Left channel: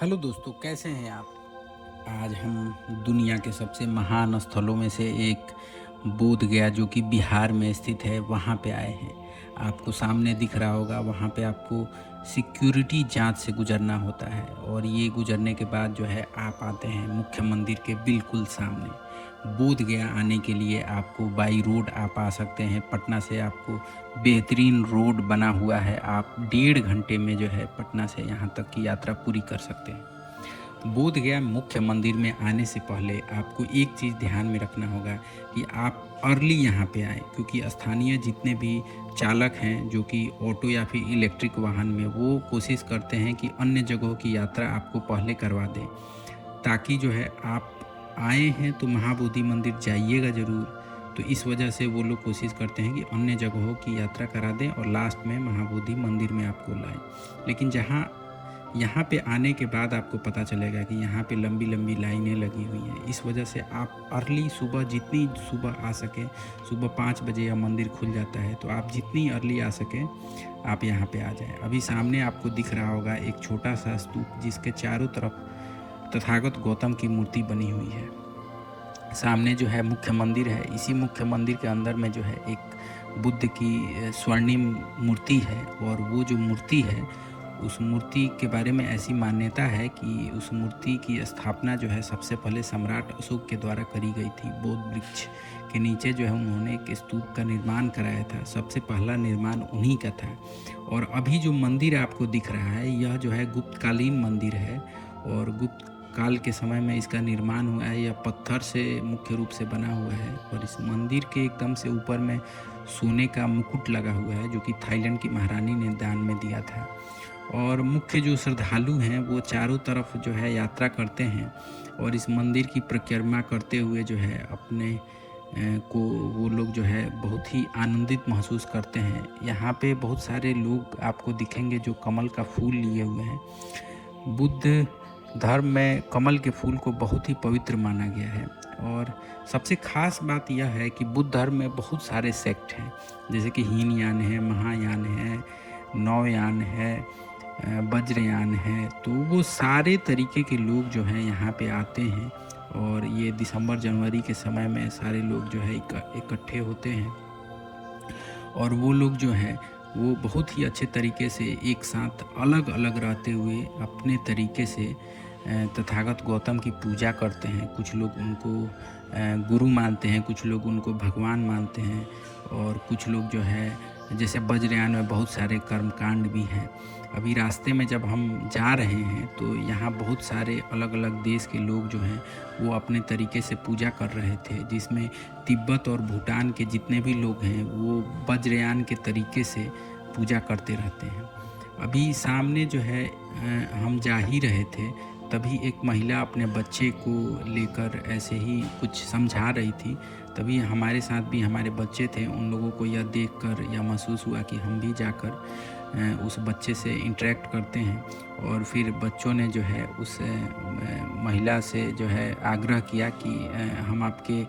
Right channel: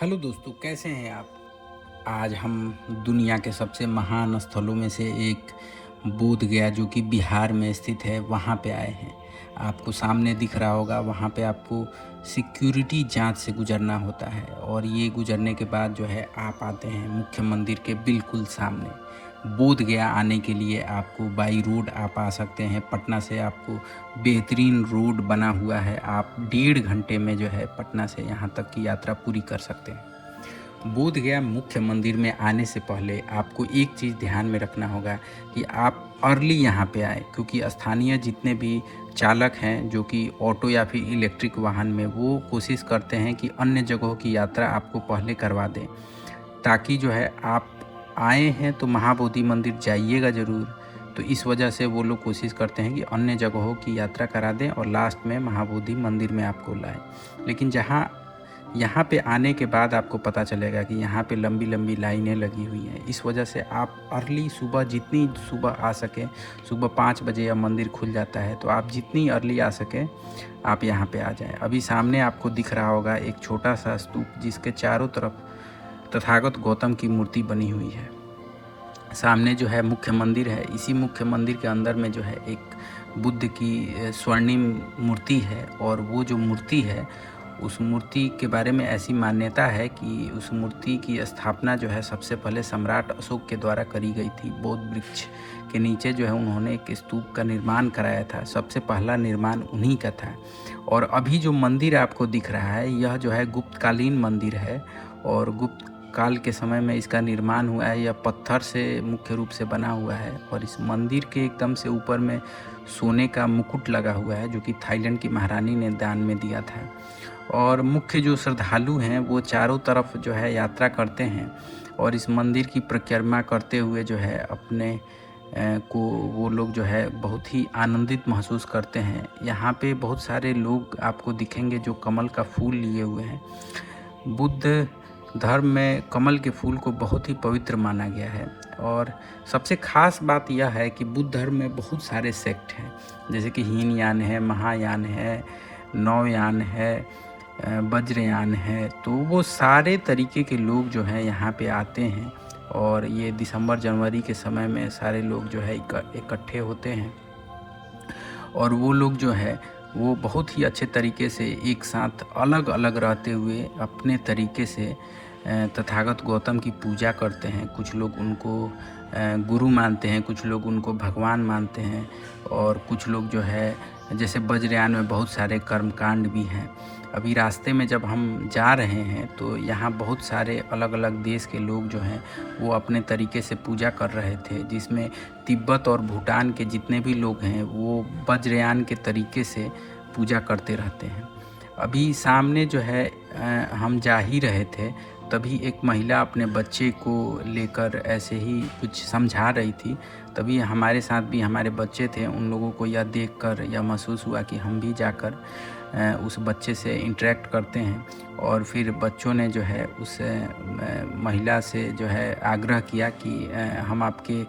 Hello दोस्तों, कैसे हैं आप? आज हम दुनिया के सबसे महान स्थलों में से एक बोध गया जो कि बिहार में स्थित है, वहाँ पे आए हैं। आपको सामने दिख रहा होगा, वहाँ पे आपको सिक्योरिटी जांच से गुजरना होता है और ये गुजरने के बाद जो है आप आते हैं मुख्य मंदिर के बिल्कुल सामने। बोध गया आने के लिए आपको बाई रोड आप आ सकते हैं। पटना से आपको बेहतरीन रोड बना हुआ है, आप 1.5 घंटे में जो है पटना से यहाँ तक की यात्रा पूरी कर सकते हैं। बोध गया मुख्य मंदिर में आने से पहले आपको एक चीज़ ध्यान में रखना होगा कि आप अर्ली यहाँ पे आए, क्योंकि स्थानीय जितने भी चालक हैं जो कि ऑटो या फिर इलेक्ट्रिक वाहन में, वो कोशिश करते हैं कि अन्य जगहों की यात्रा आपको पहले करवा दें, ताकि जो है आप आए हैं तो महाबोधि मंदिर जाइएगा ज़रूर। तो इस वजह से वो लोग कोशिश करते हैं कि अन्य जगहों की यात्रा करा दें और लास्ट में महाबोधि मंदिर में आपको लाएं। लेकिन जहाँ यहाँ पे आने के बाद आपको पता चलेगा कि यहाँ पे लंबी लंबी लाइनें लगी हुई हैं। इस वजह से आप अर्ली सुबह, जितनी सुबह आ सकें, सुबह 5 बजे या मंदिर खुल जाता है, तो आप जितनी अर्ली आ सकें आप यहाँ पे आ जाएं। अभी सामने आपको दिख रहा होगा एक छोटा सा स्तूप, जिसके चारों तरफ तथागत गौतम की मूर्ति बनी हुई है। सामने जो है मुख्य मंदिर है, इसी मुख्य मंदिर के अंदर में जो है एक बुद्ध की स्वर्णिम मूर्ति है, और वो जो मूर्ति है, उस मूर्ति के बारे में ऐसी मान्यता है कि उस मूर्ति की स्थापना जो है सबसे पहले सम्राट अशोक के द्वारा करी गई थी। बोध वृक्ष के नीचे जो है उन्होंने एक स्तूप का निर्माण कराया था, सबसे पहला निर्माण उन्हीं का था। और अभी जो मंदिर आपको दिख रहा है, यह जो है गुप्तकालीन मंदिर है, और गुप्त काल के समय में इसका निर्माण हुआ है। यह पत्थर से मुख्य रूप से बना हुआ है, और इस मंदिर के एकदम से ऊपर में सोने का मुकुट लगा हुआ है, जो कि थाईलैंड की महारानी ने दान में दिया था। और मुख्य जो श्रद्धालु हैं वो चारों तरफ जो है यात्रा करते हैं, और इस मंदिर की परिक्रमा करते हुए जो है अपने को वो लोग जो है बहुत ही आनंदित महसूस करते हैं। यहाँ पे बहुत सारे लोग आपको दिखेंगे जो कमल का फूल लिए हुए हैं। बुद्ध धर्म में कमल के फूल को बहुत ही पवित्र माना गया है। और सबसे खास बात यह है कि बुद्ध धर्म में बहुत सारे सेक्ट हैं, जैसे कि हीनयान है, महायान है, नवयान है, वज्रयान है। तो वो सारे तरीके के लोग जो हैं यहाँ पे आते हैं, और ये दिसंबर जनवरी के समय में सारे लोग जो है इकट्ठे होते हैं, और वो लोग जो है वो बहुत ही अच्छे तरीके से एक साथ अलग अलग रहते हुए अपने तरीके से तथागत गौतम की पूजा करते हैं। कुछ लोग उनको गुरु मानते हैं, कुछ लोग उनको भगवान मानते हैं, और कुछ लोग जो है, जैसे वज्रयान में बहुत सारे कर्मकांड भी हैं। अभी रास्ते में जब हम जा रहे हैं तो यहाँ बहुत सारे अलग अलग देश के लोग जो हैं वो अपने तरीके से पूजा कर रहे थे, जिसमें तिब्बत और भूटान के जितने भी लोग हैं वो वज्रयान के तरीके से पूजा करते रहते हैं। अभी सामने जो है हम जा ही रहे थे, तभी एक महिला अपने बच्चे को लेकर ऐसे ही कुछ समझा रही थी। तभी हमारे साथ भी हमारे बच्चे थे, उन लोगों को यह देखकर यह महसूस हुआ कि हम भी जाकर उस बच्चे से इंटरेक्ट करते हैं। और फिर बच्चों ने जो है उस महिला से जो है आग्रह किया कि हम आपके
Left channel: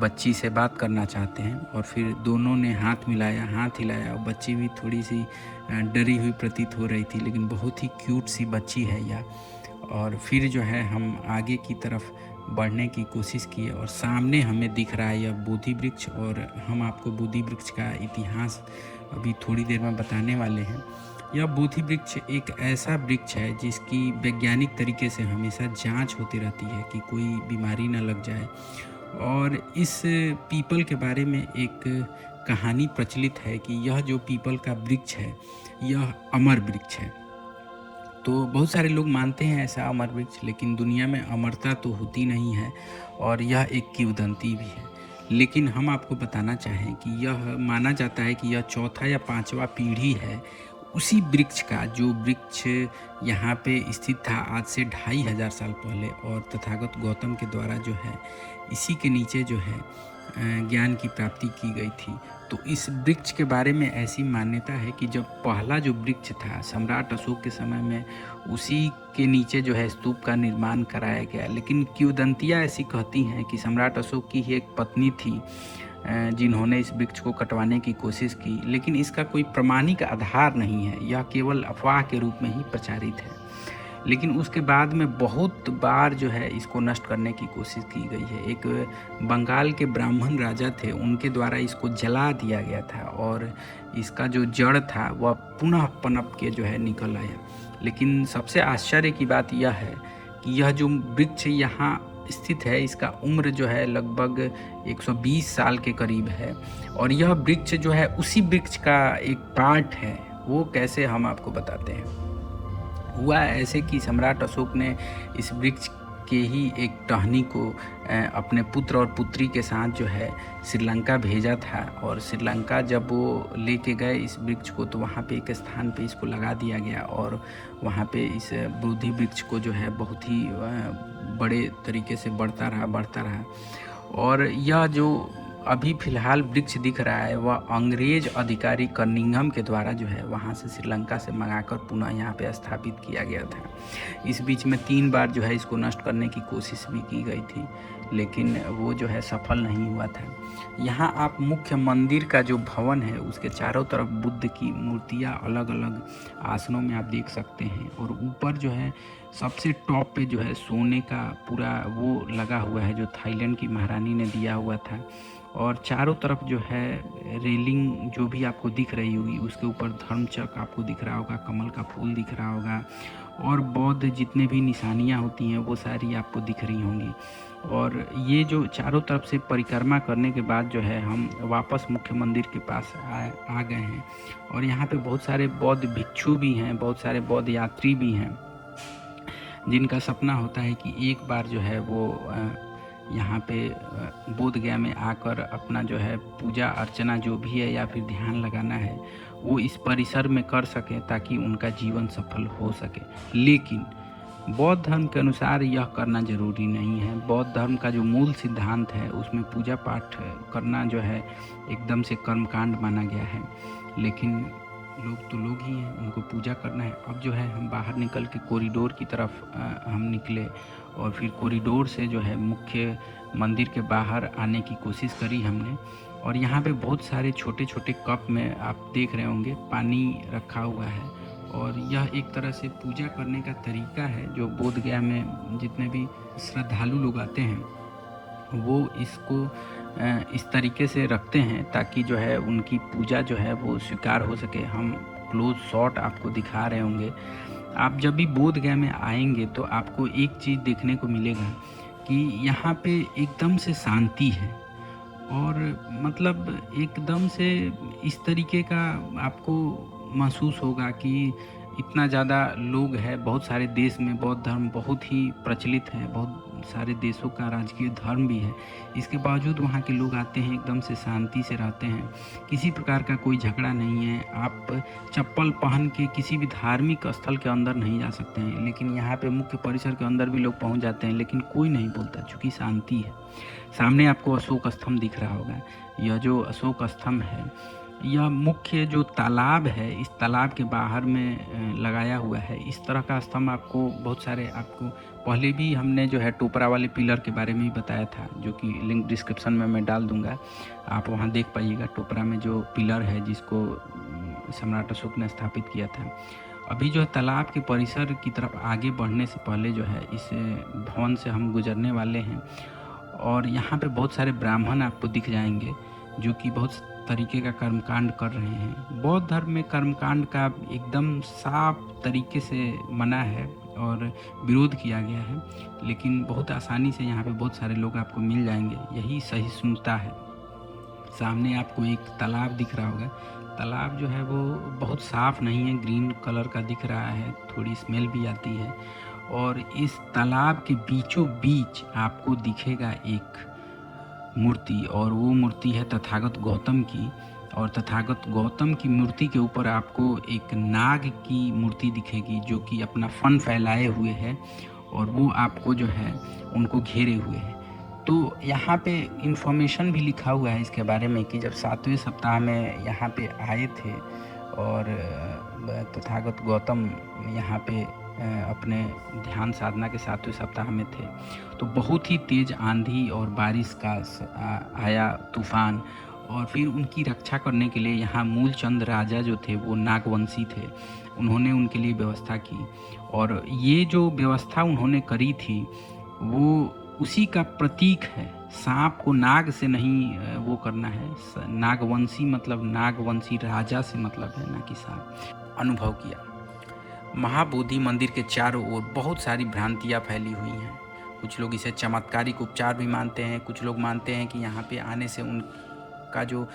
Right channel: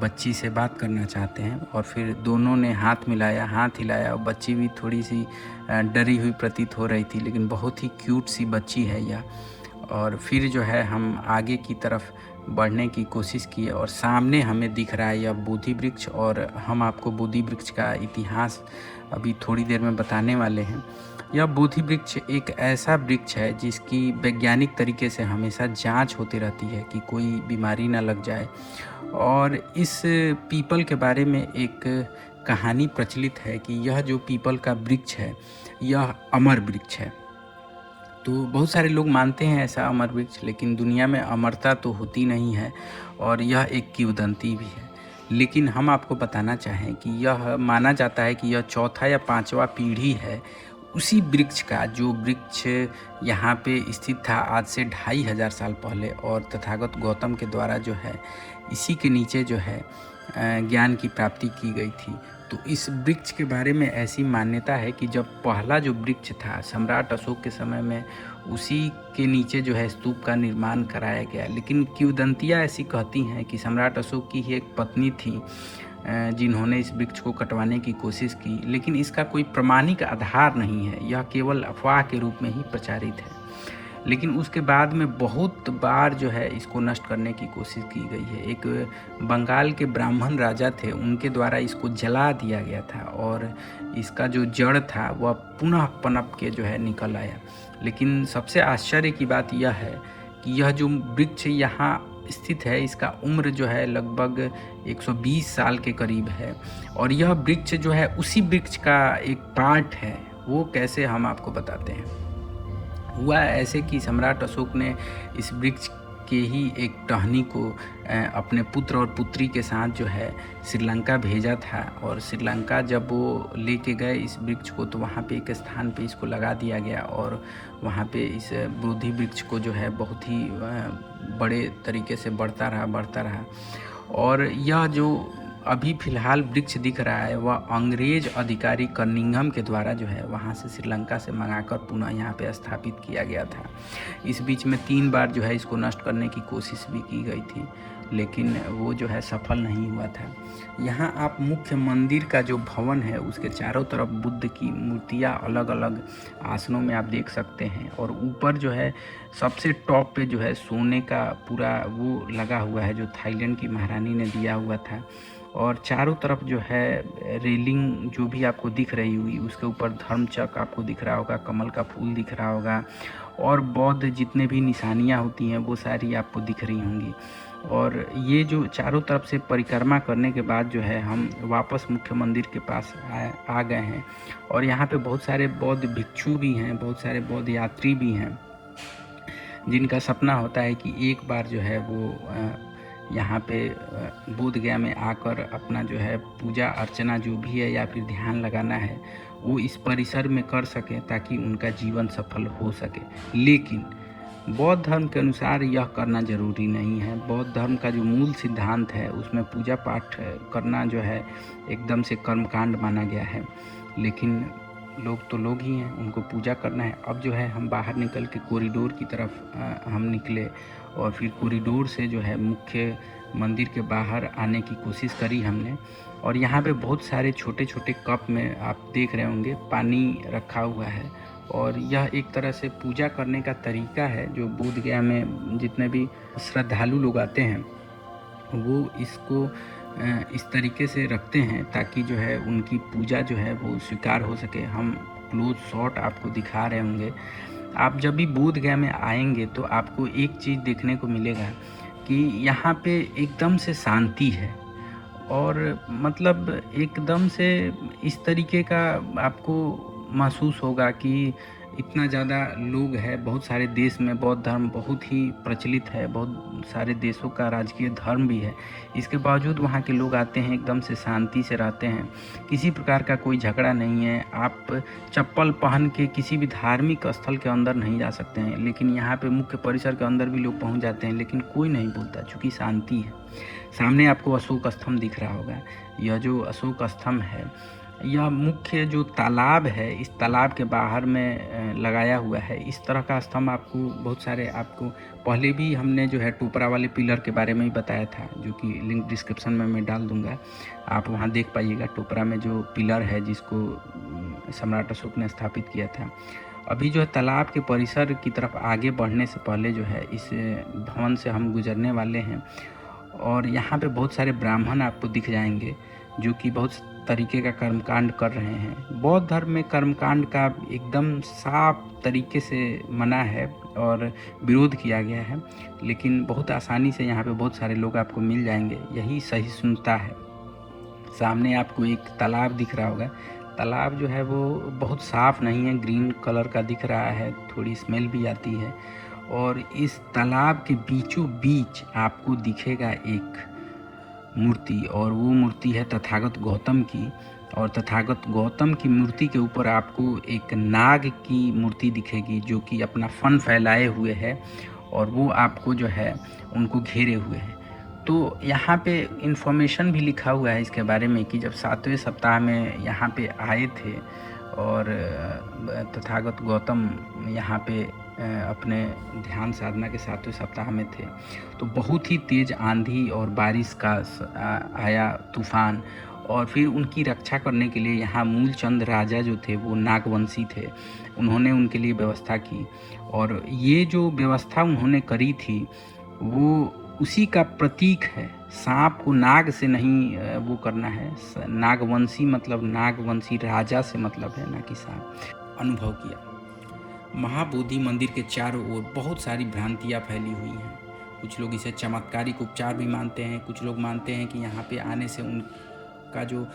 बच्ची से बात करना चाहते हैं। और फिर दोनों ने हाथ मिलाया, हाथ हिलाया, और बच्ची भी थोड़ी सी डरी हुई प्रतीत हो रही थी, लेकिन बहुत ही क्यूट सी बच्ची है यह। और फिर जो है हम आगे की तरफ बढ़ने की कोशिश किए, और सामने हमें दिख रहा है यह बोधि वृक्ष, और हम आपको बोधि वृक्ष का इतिहास अभी थोड़ी देर में बताने वाले हैं। यह बोधि वृक्ष एक ऐसा वृक्ष है जिसकी वैज्ञानिक तरीके से हमेशा जांच होती रहती है कि कोई बीमारी ना लग जाए। और इस पीपल के बारे में एक कहानी प्रचलित है कि यह जो पीपल का वृक्ष है यह अमर वृक्ष है। तो बहुत सारे लोग मानते हैं ऐसा अमर वृक्ष, लेकिन दुनिया में अमरता तो होती नहीं है, और यह एक किंवदंती भी है। लेकिन हम आपको बताना चाहें कि यह माना जाता है कि यह चौथा या पांचवा पीढ़ी है उसी वृक्ष का, जो वृक्ष यहाँ पे स्थित था आज से 2500 साल पहले, और तथागत गौतम के द्वारा जो है इसी के नीचे जो है ज्ञान की प्राप्ति की गई थी। तो इस वृक्ष के बारे में ऐसी मान्यता है कि जब पहला जो वृक्ष था सम्राट अशोक के समय में, उसी के नीचे जो है स्तूप का निर्माण कराया गया। लेकिन किंवदंतियाँ ऐसी कहती हैं कि सम्राट अशोक की ही एक पत्नी थी जिन्होंने इस वृक्ष को कटवाने की कोशिश की, लेकिन इसका कोई प्रमाणिक आधार नहीं है, यह केवल अफवाह के रूप में ही प्रचारित है। लेकिन उसके बाद में बहुत बार जो है इसको नष्ट करने की कोशिश की गई है। एक बंगाल के ब्राह्मण राजा थे, उनके द्वारा इसको जला दिया गया था और इसका जो जड़ था वह पुनः पनप के जो है निकल आया। लेकिन सबसे आश्चर्य की बात यह है कि यह जो वृक्ष यहाँ स्थित है, इसका उम्र जो है लगभग 120 साल के करीब है और यह वृक्ष जो है उसी वृक्ष का एक पार्ट है। वो कैसे, हम आपको बताते हैं। हुआ ऐसे कि सम्राट अशोक ने इस वृक्ष के ही एक टहनी को अपने पुत्र और पुत्री के साथ जो है श्रीलंका भेजा था और श्रीलंका जब वो लेके गए इस वृक्ष को, तो वहाँ पे एक स्थान पे इसको लगा दिया गया और वहाँ पे इस बोधि वृक्ष को जो है बहुत ही बड़े तरीके से बढ़ता रहा और यह जो अभी फ़िलहाल वृक्ष दिख रहा है वह अंग्रेज अधिकारी कनिंघम के द्वारा जो है वहाँ से श्रीलंका से मंगाकर पुनः यहाँ पे स्थापित किया गया था। इस बीच में 3 बार जो है इसको नष्ट करने की कोशिश भी की गई थी, लेकिन वो जो है सफल नहीं हुआ था। यहाँ आप मुख्य मंदिर का जो भवन है उसके चारों तरफ बुद्ध की मूर्तियाँ अलग अलग आसनों में आप देख सकते हैं और ऊपर जो है सबसे टॉप पे जो है सोने का पूरा वो लगा हुआ है जो थाईलैंड की महारानी ने दिया हुआ था और चारों तरफ जो है रेलिंग जो भी आपको दिख रही होगी उसके ऊपर धर्मचक्र आपको दिख रहा होगा, कमल का फूल दिख रहा होगा और बौद्ध जितने भी निशानियाँ होती हैं वो सारी आपको दिख रही होंगी। और ये जो चारों तरफ से परिक्रमा करने के बाद जो है हम वापस मुख्य मंदिर के पास आ गए हैं और यहाँ पे बहुत सारे बौद्ध भिक्षु भी हैं, बहुत सारे बौद्ध यात्री भी हैं जिनका सपना होता है कि एक बार जो है वो यहाँ पे बोध गया में आकर अपना जो है पूजा अर्चना जो भी है या फिर ध्यान लगाना है वो इस परिसर में कर सके ताकि उनका जीवन सफल हो सके। लेकिन बौद्ध धर्म के अनुसार यह करना जरूरी नहीं है। बौद्ध धर्म का जो मूल सिद्धांत है उसमें पूजा पाठ करना जो है एकदम से कर्मकांड माना गया है, लेकिन लोग तो लोग ही हैं, उनको पूजा करना है। अब जो है हम बाहर निकल के कॉरिडोर की तरफ हम निकले और फिर कॉरिडोर से जो है मुख्य मंदिर के बाहर आने की कोशिश करी हमने और यहाँ पे बहुत सारे छोटे छोटे कप में आप देख रहे होंगे पानी रखा हुआ है और यह एक तरह से पूजा करने का तरीका है जो बोध गया में जितने भी श्रद्धालु लोग आते हैं वो इसको इस तरीके से रखते हैं ताकि जो है उनकी पूजा जो है वो स्वीकार हो सके। हम क्लोज शॉट आपको दिखा रहे होंगे। आप जब भी बोध गया में आएंगे तो आपको एक चीज़ देखने को मिलेगा कि यहाँ पे एकदम से शांति है और मतलब एकदम से इस तरीके का आपको महसूस होगा कि इतना ज़्यादा लोग हैं। बहुत सारे देश में बौद्ध धर्म बहुत ही प्रचलित है, बहुत सारे देशों का राजकीय धर्म भी है, इसके बावजूद वहाँ के लोग आते हैं एकदम से शांति से रहते हैं, किसी प्रकार का कोई झगड़ा नहीं है। आप चप्पल पहन के किसी भी धार्मिक स्थल के अंदर नहीं जा सकते हैं, लेकिन यहाँ पे मुख्य परिसर के अंदर भी लोग पहुँच जाते हैं, लेकिन कोई नहीं बोलता क्योंकि शांति है। सामने आपको अशोक स्तंभ दिख रहा होगा। यह जो अशोक स्तंभ है यह मुख्य जो तालाब है इस तालाब के बाहर में लगाया हुआ है। इस तरह का स्तंभ आपको बहुत सारे आपको पहले भी हमने जो है टोपरा वाले पिलर के बारे में ही बताया था, जो कि लिंक डिस्क्रिप्शन में मैं डाल दूंगा, आप वहां देख पाइएगा। टोपरा में जो पिलर है जिसको सम्राट अशोक ने स्थापित किया था। अभी जो तालाब के परिसर की तरफ आगे बढ़ने से पहले जो है इस भवन से हम गुजरने वाले हैं और यहाँ पे बहुत सारे ब्राह्मण आपको दिख जाएंगे जो कि बहुत तरीके का कर्मकांड कर रहे हैं। बौद्ध धर्म में कर्मकांड का एकदम साफ तरीके से मना है और विरोध किया गया है, लेकिन बहुत आसानी से यहाँ पे बहुत सारे लोग आपको मिल जाएंगे। यही सहिष्णुता है। सामने आपको एक तालाब दिख रहा होगा। तालाब जो है वो बहुत साफ नहीं है, ग्रीन कलर का दिख रहा है, थोड़ी स्मेल भी आती है। और इस तालाब के बीचों बीच आपको दिखेगा एक मूर्ति और वो मूर्ति है तथागत गौतम की। और तथागत गौतम की मूर्ति के ऊपर आपको एक नाग की मूर्ति दिखेगी जो कि अपना फन फैलाए हुए है और वो आपको जो है उनको घेरे हुए है। तो यहाँ पे इन्फॉर्मेशन भी लिखा हुआ है इसके बारे में कि जब 7वें सप्ताह में यहाँ पे आए थे और तथागत गौतम यहाँ पे अपने ध्यान साधना के 7वें सप्ताह में थे, तो बहुत ही तेज आंधी और बारिश का आया तूफान और फिर उनकी रक्षा करने के लिए यहाँ मूलचंद राजा जो थे वो नागवंशी थे, उन्होंने उनके लिए व्यवस्था की। और ये जो व्यवस्था उन्होंने करी थी वो उसी का प्रतीक है। सांप को नाग से नहीं वो करना है, नागवंशी मतलब नागवंशी राजा से मतलब है, ना कि सांप। अनुभव किया। महाबोधि मंदिर के चारों ओर बहुत सारी भ्रांतियाँ फैली हुई हैं। कुछ लोग इसे चमत्कारिक उपचार भी मानते हैं, कुछ लोग मानते हैं कि यहाँ पे आने से उनका जो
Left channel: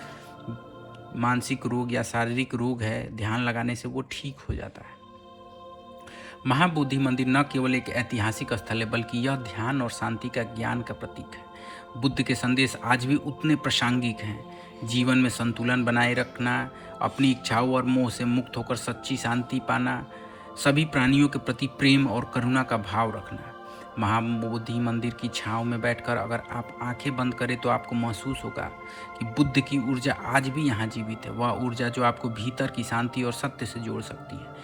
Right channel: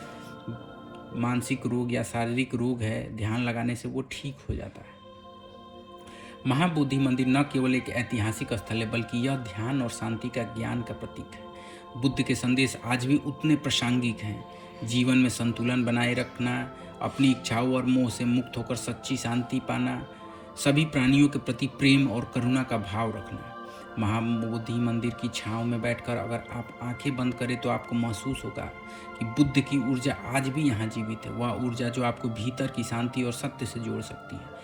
मानसिक रोग या शारीरिक रोग है, ध्यान लगाने से वो ठीक हो जाता है। महाबोधि मंदिर न केवल एक ऐतिहासिक स्थल है, बल्कि यह ध्यान और शांति का ज्ञान का प्रतीक है। बुद्ध के संदेश आज भी उतने प्रासंगिक हैं। जीवन में संतुलन बनाए रखना, अपनी इच्छाओं और मोह से मुक्त होकर सच्ची शांति पाना, सभी प्राणियों के प्रति प्रेम और करुणा का भाव रखना। महाबोधि मंदिर की छांव में बैठकर अगर आप आंखें बंद करें तो आपको महसूस होगा कि बुद्ध की ऊर्जा आज भी यहाँ जीवित है। वह ऊर्जा जो आपको भीतर की शांति और सत्य से जोड़ सकती है।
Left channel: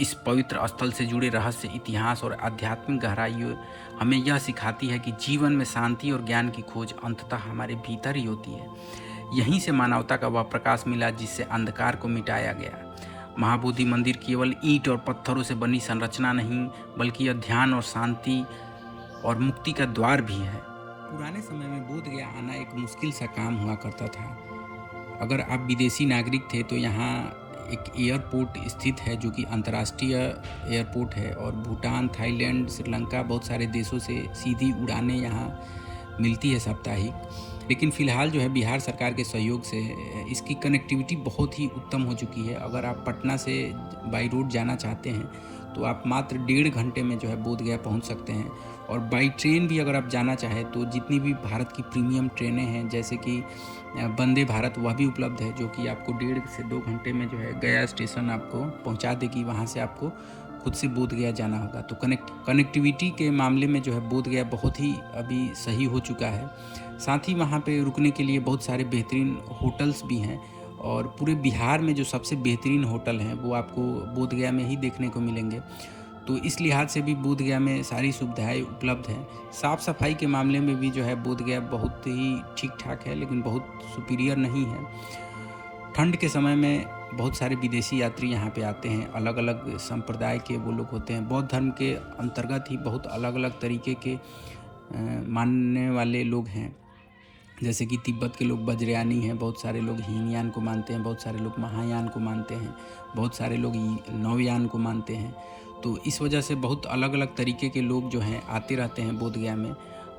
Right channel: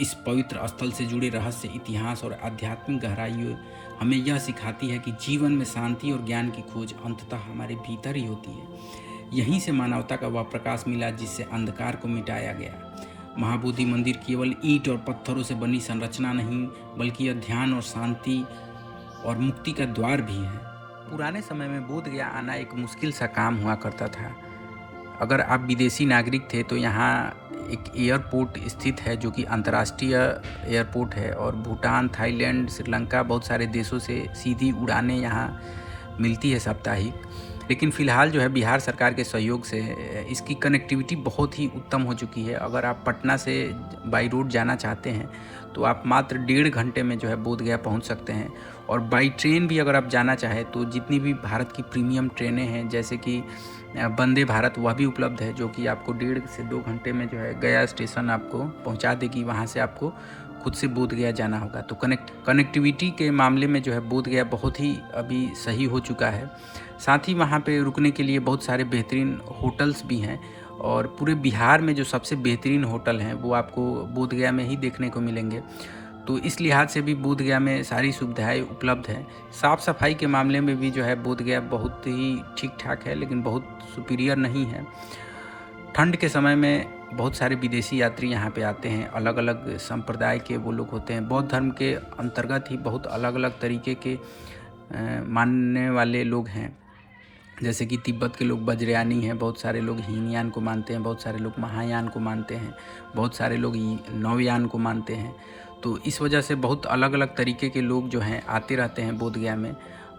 इस पवित्र स्थल से जुड़े रहस्य, इतिहास और आध्यात्मिक गहराई हमें यह सिखाती है कि जीवन में शांति और ज्ञान की खोज अंततः हमारे भीतर ही होती है। यहीं से मानवता का वह प्रकाश मिला जिससे अंधकार को मिटाया गया। महाबोधि मंदिर केवल ईंट और पत्थरों से बनी संरचना नहीं, बल्कि यह ध्यान और शांति और मुक्ति का द्वार भी है। पुराने समय में बोध गया आना एक मुश्किल सा काम हुआ करता था। अगर आप विदेशी नागरिक थे तो यहाँ एक एयरपोर्ट स्थित है जो कि अंतर्राष्ट्रीय एयरपोर्ट है, और भूटान, थाईलैंड, श्रीलंका, बहुत सारे देशों से सीधी उड़ानें यहाँ मिलती है साप्ताहिक। लेकिन फ़िलहाल जो है बिहार सरकार के सहयोग से इसकी कनेक्टिविटी बहुत ही उत्तम हो चुकी है। अगर आप पटना से बाई रोड जाना चाहते हैं तो आप मात्र 1.5 घंटे में जो है बोधगया पहुंच सकते हैं। और बाई ट्रेन भी अगर आप जाना चाहें तो जितनी भी भारत की प्रीमियम ट्रेनें हैं, जैसे कि वंदे भारत, वह भी उपलब्ध है, जो कि आपको 1.5 से 2 घंटे में जो है गया स्टेशन आपको पहुंचा देगी। वहां से आपको खुद से बोधगया जाना होगा। तो कनेक्टिविटी के मामले में जो है बोधगया बहुत ही अभी सही हो चुका है। साथ ही वहाँ पे रुकने के लिए बहुत सारे बेहतरीन होटल्स भी हैं, और पूरे बिहार में जो सबसे बेहतरीन होटल हैं वो आपको बोधगया में ही देखने को मिलेंगे। तो इस लिहाज से भी बोधगया में सारी सुविधाएं उपलब्ध हैं। साफ़ सफाई के मामले में भी जो है बोधगया बहुत ही ठीक ठाक है, लेकिन बहुत सुपीरियर नहीं है। ठंड के समय में बहुत सारे विदेशी यात्री यहाँ पे आते हैं। अलग अलग संप्रदाय के वो लोग होते हैं। बौद्ध धर्म के अंतर्गत ही बहुत अलग अलग तरीके के मानने वाले लोग हैं। जैसे कि तिब्बत के लोग वज्रयानी हैं, बहुत सारे लोग हीनयान को मानते हैं, बहुत सारे लोग महायान को मानते हैं, बहुत सारे लोग नवयान को मानते हैं। तो इस वजह से बहुत अलग अलग तरीके के लोग जो हैं आते रहते हैं बोधगया में,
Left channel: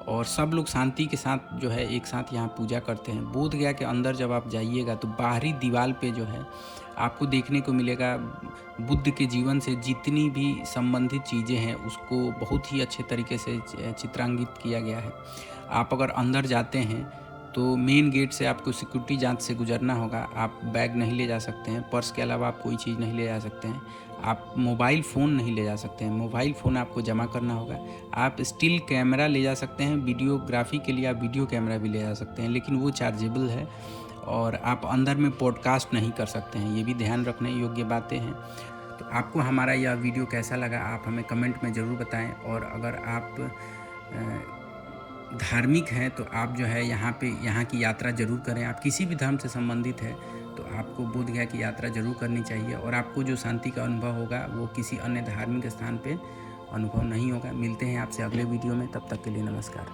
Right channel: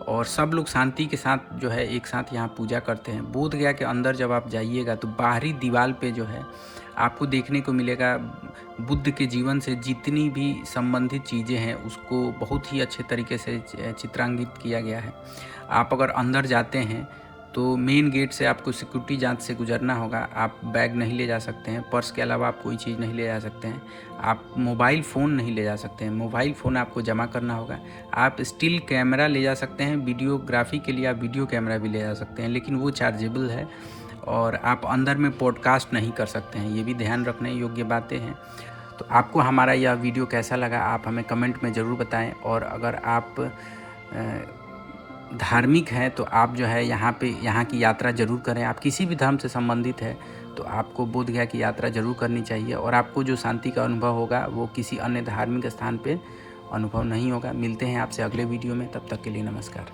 और सब लोग शांति के साथ जो है एक साथ यहाँ पूजा करते हैं। बोधगया के अंदर जब आप जाइएगा तो बाहरी दीवार पे जो है आपको देखने को मिलेगा बुद्ध के जीवन से जितनी भी संबंधित चीज़ें हैं उसको बहुत ही अच्छे तरीके से चित्रांकित किया गया है। आप अगर अंदर जाते हैं तो मेन गेट से आपको सिक्योरिटी जांच से गुजरना होगा। आप बैग नहीं ले जा सकते हैं, पर्स के अलावा आप कोई चीज़ नहीं ले जा सकते हैं, आप मोबाइल फ़ोन नहीं ले जा सकते हैं, मोबाइल फ़ोन आपको जमा करना होगा। आप स्टिल कैमरा ले जा सकते हैं, वीडियोग्राफी के लिए आप वीडियो कैमरा भी ले जा सकते हैं, लेकिन वो चार्जेबल है। और आप अंदर में पॉडकास्ट नहीं कर सकते हैं, ये भी ध्यान रखने योग्य बातें हैं। तो आपको हमारा यह वीडियो कैसा लगा आप हमें कमेंट में ज़रूर बताएं। और अगर आप धार्मिक हैं तो आप जो है यहाँ की यात्रा ज़रूर करें। आप किसी भी धर्म से संबंधित है तो आपको बोधगया की यात्रा ज़रूर करनी चाहिए, और आपको जो शांति का अनुभव होगा वो किसी अन्य धार्मिक स्थान पे अनुभव नहीं होगा। मिलते हैं आपसे अगले वीडियो में, तब तक के लिए नमस्कार।